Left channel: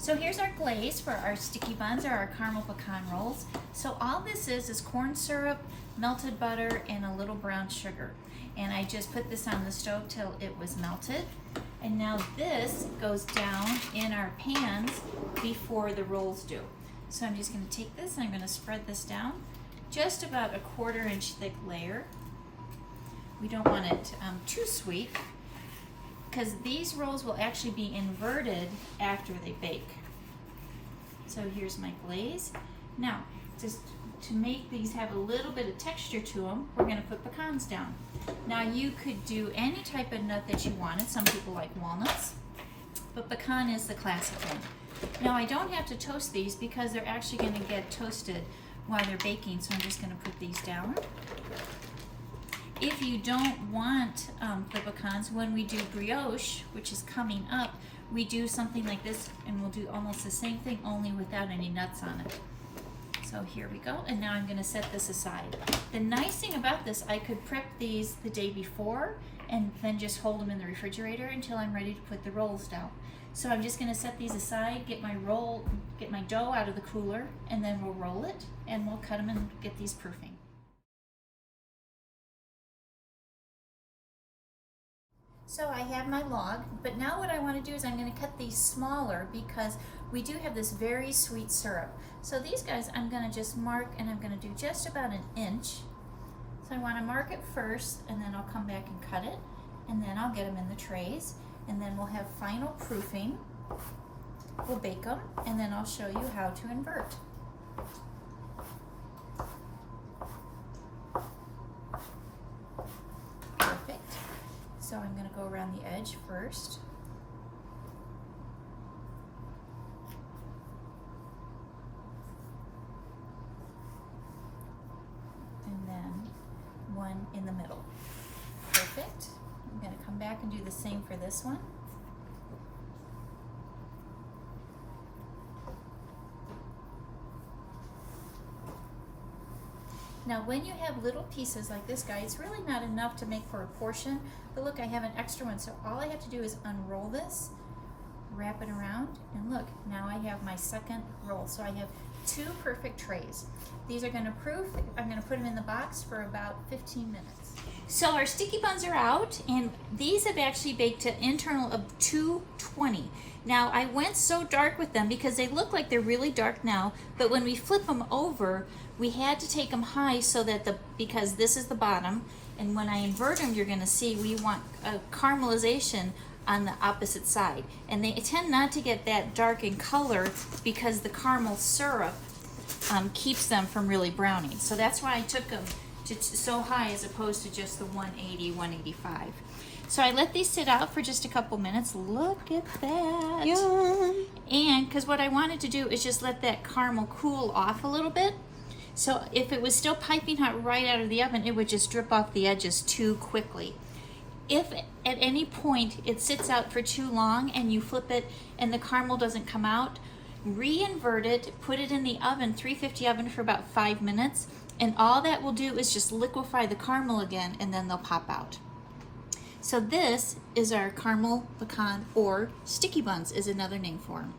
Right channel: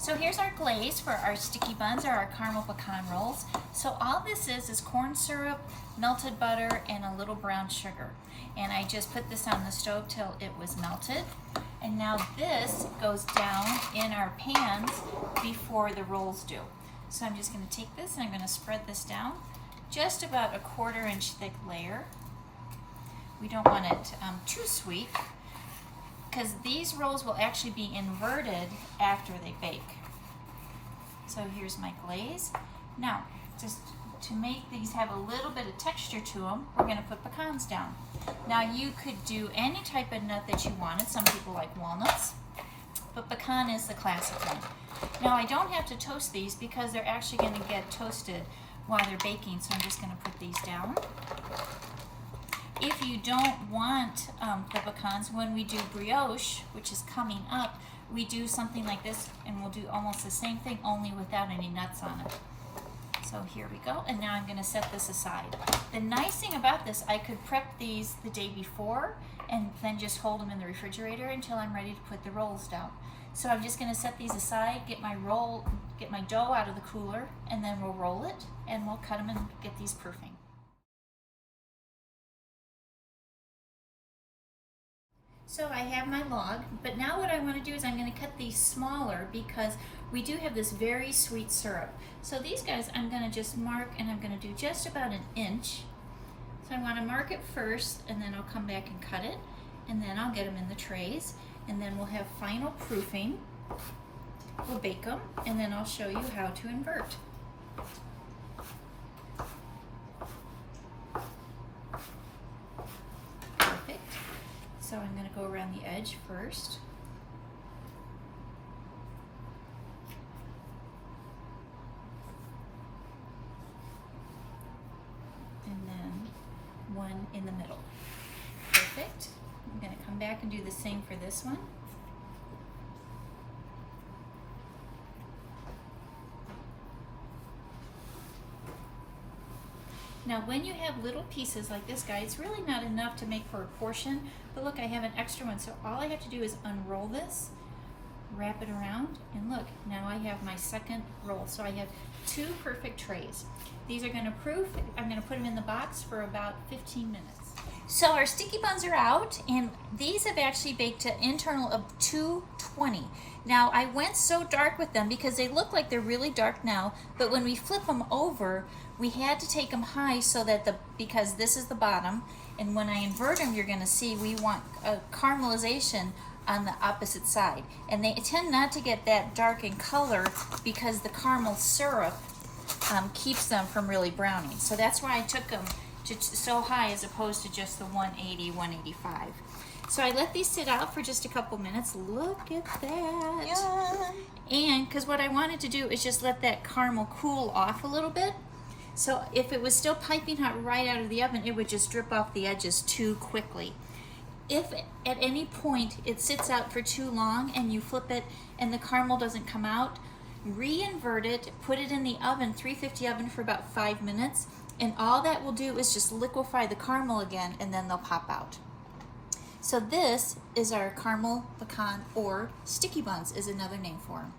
So here's our glaze for our sticky buns or our caramel pecan rolls. So all this is corn syrup, melted butter, and a little brown sugar. And I just put this on the stove till it was melted. And now this goes down in our pans before the rolls do. So I'm just going to take this and I'm going to spread this down just about a 1/4 inch thick layer. We don't want it too sweet, because these rolls will actually be inverted after they bake. So here's my glaze. Now, just to make these have a little bit of texture to them, we're going to put pecans down. Now you could do any type of nut that you wanted. Some people like walnuts, but pecan is the classic one. Now I don't have to toast these because they're actually going to get toasted while they're baking, so I'm just going to put these down. If you don't want the pecans, when we do brioche, which is coming up, we do something like this, and we'll do almost the same thing, only without any nuts on it. So here we go, and now I'm going to set this aside. The nice thing about this, I could prep these the day before and then just hold them in the refrigerator until I'm ready to put the rolls down. So I'm just going to set these aside, get my dough out of the cooler, and then we'll roll it, and we'll cut them and get these proofing. So I have my log, but now what I want to do is I'm going to cut these smaller because we do have this very sweet syrup. So these guys I'm going to just mark, and I'm going to do just about 1 inch. So I want to mark it first, and then I'll come back and cut it, and then I'll get them in the trays, and then we'll have final proofing. We'll bake them, and then I'll show you how to invert. So I'm going to go around the edge first. And then one in the middle. Perfect. I'm going to come back and do the same for this one. Now when you have little pieces like this guy, it's really not enough to make for a portion, but look, I have an extra one, so all I have to do is unroll this, wrap it around, and look, now I have my second roll. So I have 2 perfect trays. These are going to proof. I'm going to put them in the box for about 15 minutes. So our sticky buns are out, and these have actually baked to internal of 220. Now I went so dark with them because they look like they're really dark now, but when we flip them over, we had to take them high so that because this is the bottom, and when I invert them, you're going to see we want a caramelization on the opposite side. And they tend not to get that dark in color because the caramel syrup keeps them from really browning. So that's why I took them to so high as opposed to just the 180, 185. So I let these sit out for just a couple minutes. Look at that. Yum. And because what I wanted to do is just let that caramel cool off a little bit. So if it was still piping hot right out of the oven, it would just drip off the edges too quickly. If at any point it sits out for too long and you flip it and the caramel doesn't come out, re-invert it, put it in the oven, 350 oven for about 5 minutes, and all that will do is just liquefy the caramel again, and then they'll pop out. So this is our caramel pecan, or sticky buns is another name for them.